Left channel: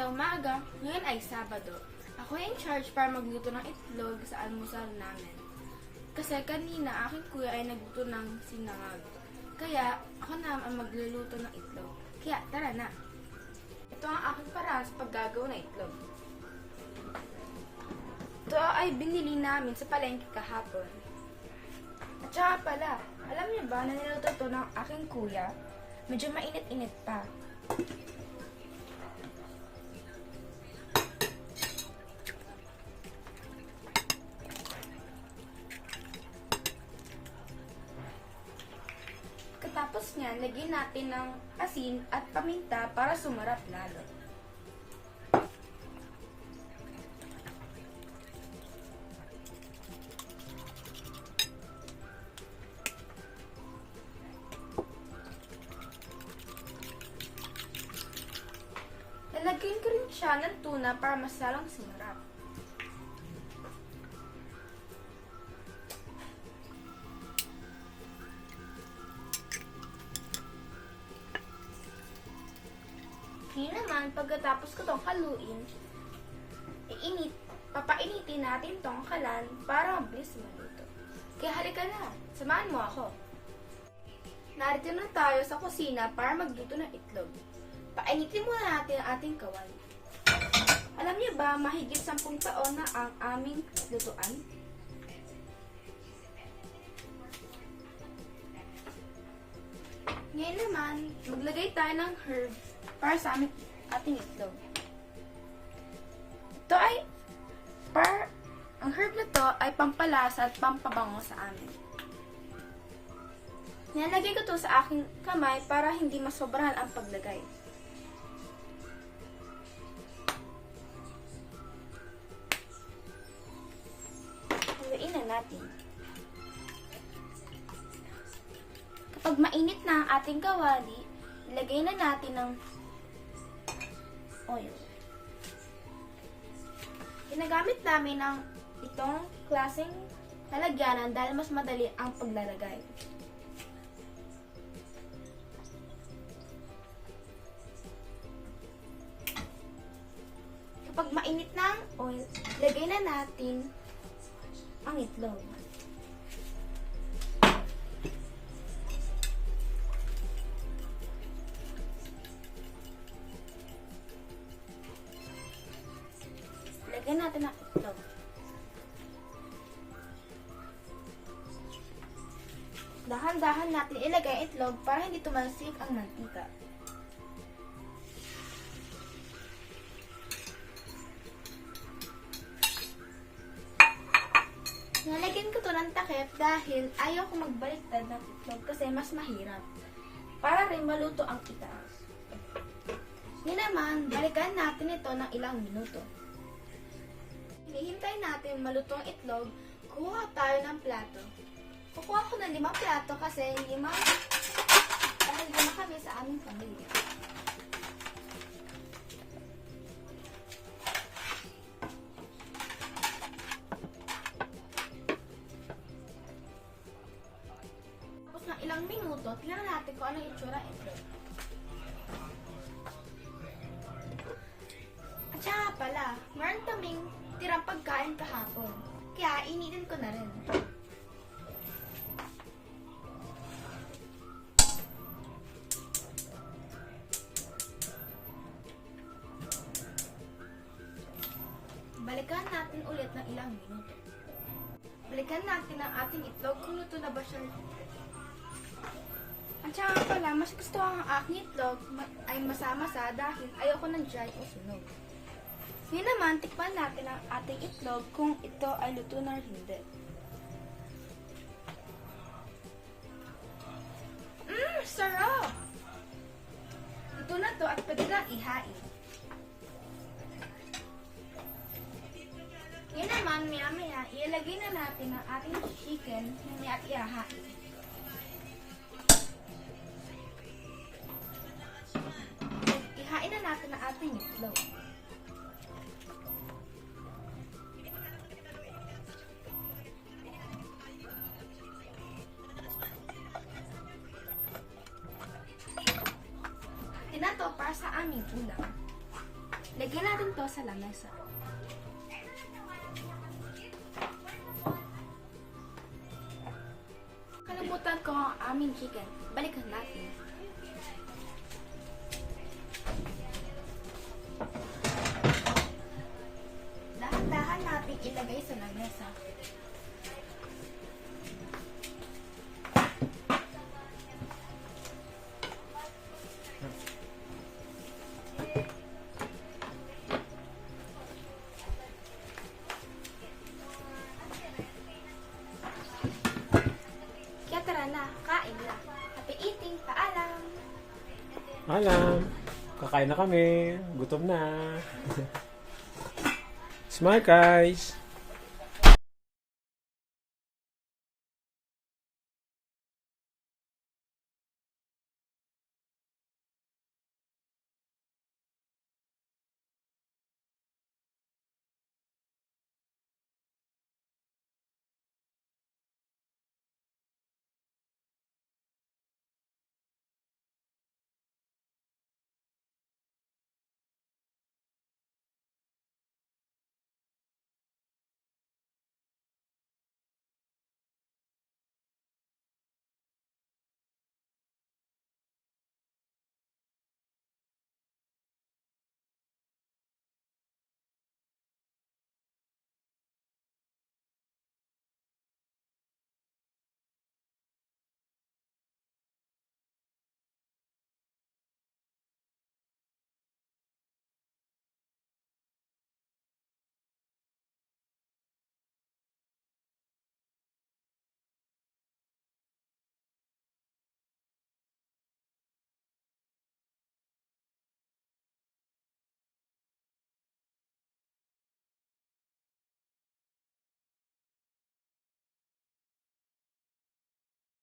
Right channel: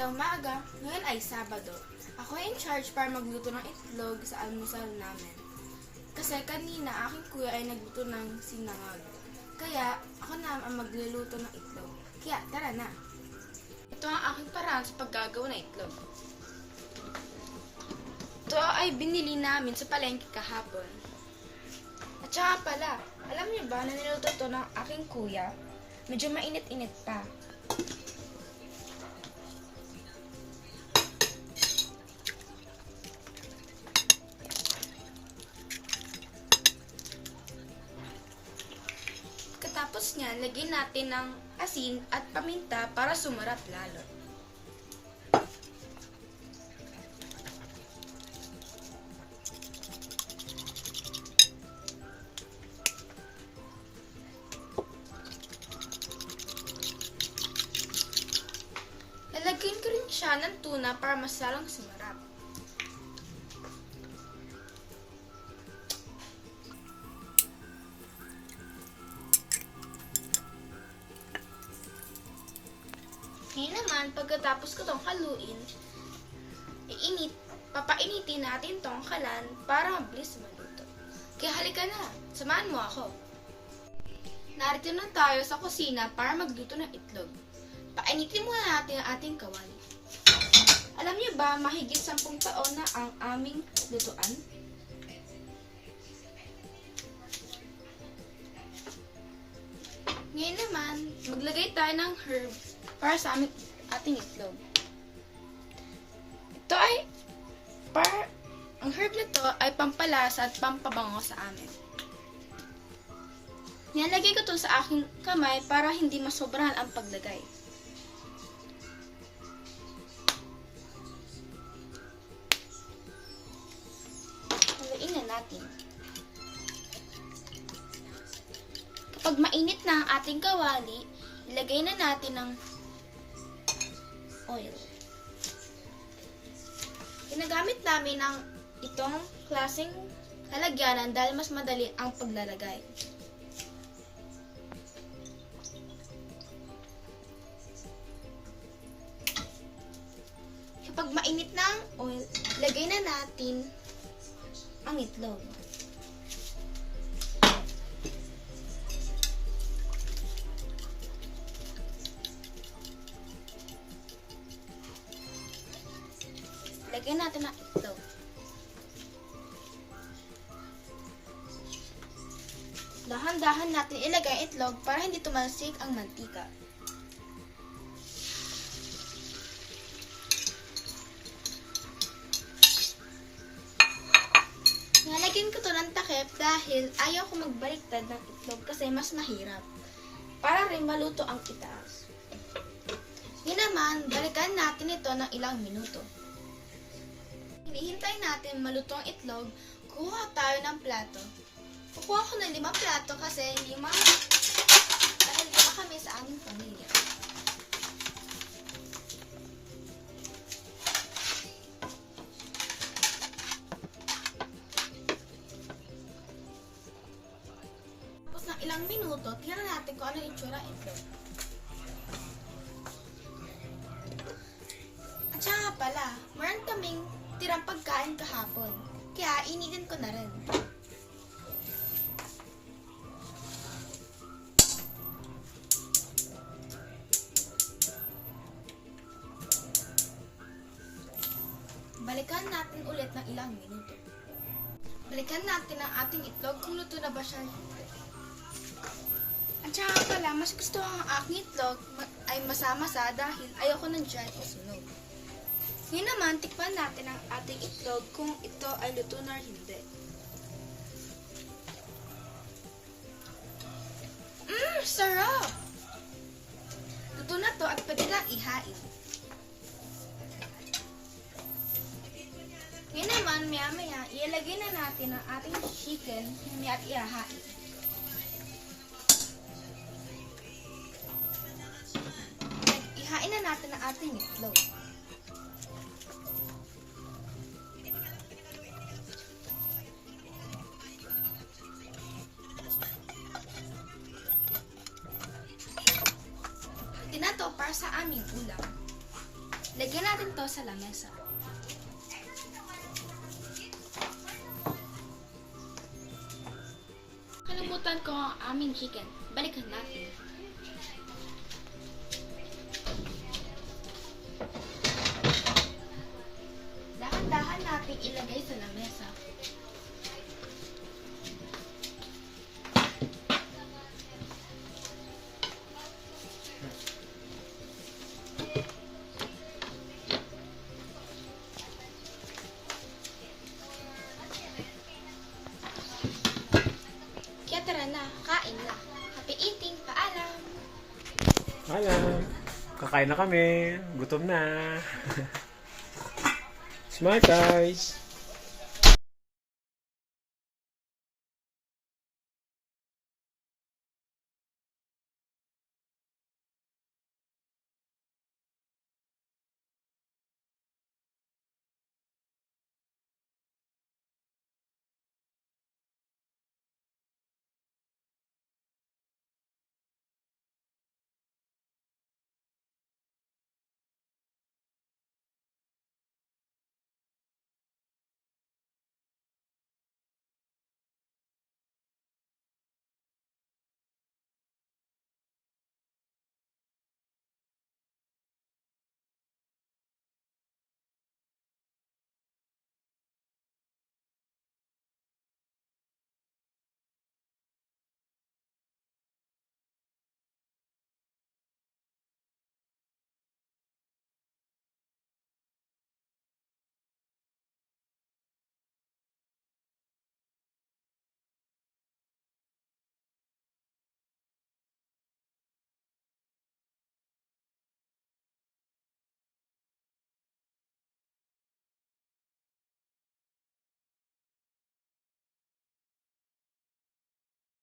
Magandang umaga. Ngayon ay Sabado. Ako ay in charge para magluto ng itlog sa almusal namin. Kasi kanina aking kuya ay nagluto ng sinangag. Kaya ako na ang magluluto ng itlog. Kaya tara na. Ito ang aking paraan sa paggagawa ng itlog. Ito ay binili namin sa palengke kahapon. At saka pala, alam niyo ba na niluto ito ng aking kuya? Medyo mainit-init pa. Katapos niyan, lagyan natin ng asin at paminta para sumarap lalo. Lalagyan ko rin siya ng tuna para mas lalong sumarap. Ngayon naman, pagkatapos ko tong haluin, papainitin natin tong kalan para mabilis maluto. Kaya halika na, samahan mo ako. Narito na tayo sa kusina para magluto ng itlog. Painitin muna natin ang ating kawali. Alam niyo ba, mahigit 10 taon na ang aming lutuan? Ngayon naman, maglagay tayo ng herbs para sa ating itlog. Ito ay, ang herb na to ay pampalasa at pampabango sa amin. Nilalagay ko to sa aking kamay para hindi masobrahan ang paglagay. Haluin na natin. Kapag mainit na ang ating kawali, ilagay na natin ng oil. Ginagamit namin ng itong klaseng lalagyanan dahil mas madali ang paglalagay. Kapag mainit na ang oil, lagay na natin ang itlog. Lagyan natin ang itlog. Dahan-dahan natin ilagay ang itlog para hindi tumalsik ang mantika. Nalagyan ko to ng takip dahil ayaw ko magbaliktad ng itlog kasi mas mahirap. Para rin maluto ang itaas. Ngayon naman, balikan natin ito ng ilang minuto. Hinihintay natin maluto ang itlog, kuha tayo ng plato. Kukuha ko ng 5 plato kasi dahil 5 kami sa aming pamilya. Tapos ng ilang minuto, tingnan natin kung anong itsura ng itlog. At saka pala, meron kaming tirang pagkain kahapon. Kaya initin ko na rin. Balikan natin ulit ng ilang minuto. Balikan natin ang ating itlog kung luto na ba siya. At saka pala, mas gusto ang aking itlog ay masama-sa dahil ayoko ng dry o sunog. Ngayon naman, tikman natin ang ating itlog kung ito ay luto na or hindi. Sarap! Luto na to at pwede lang ihain. Ngayon naman, maya-maya, ilalagay na natin ang ating chicken na ihahain. Ihain na natin ang ating itlog. na to para sa aming ulam. Lagyan natin to sa lamesa. Kalimutan ko ang aming chicken. Balikan natin. Dahan-dahan natin ilagay sa lamesa. Kaya tara na, kain na. Happy eating, paalam! Alam, kakain na kami. Gutom na. Smart guys.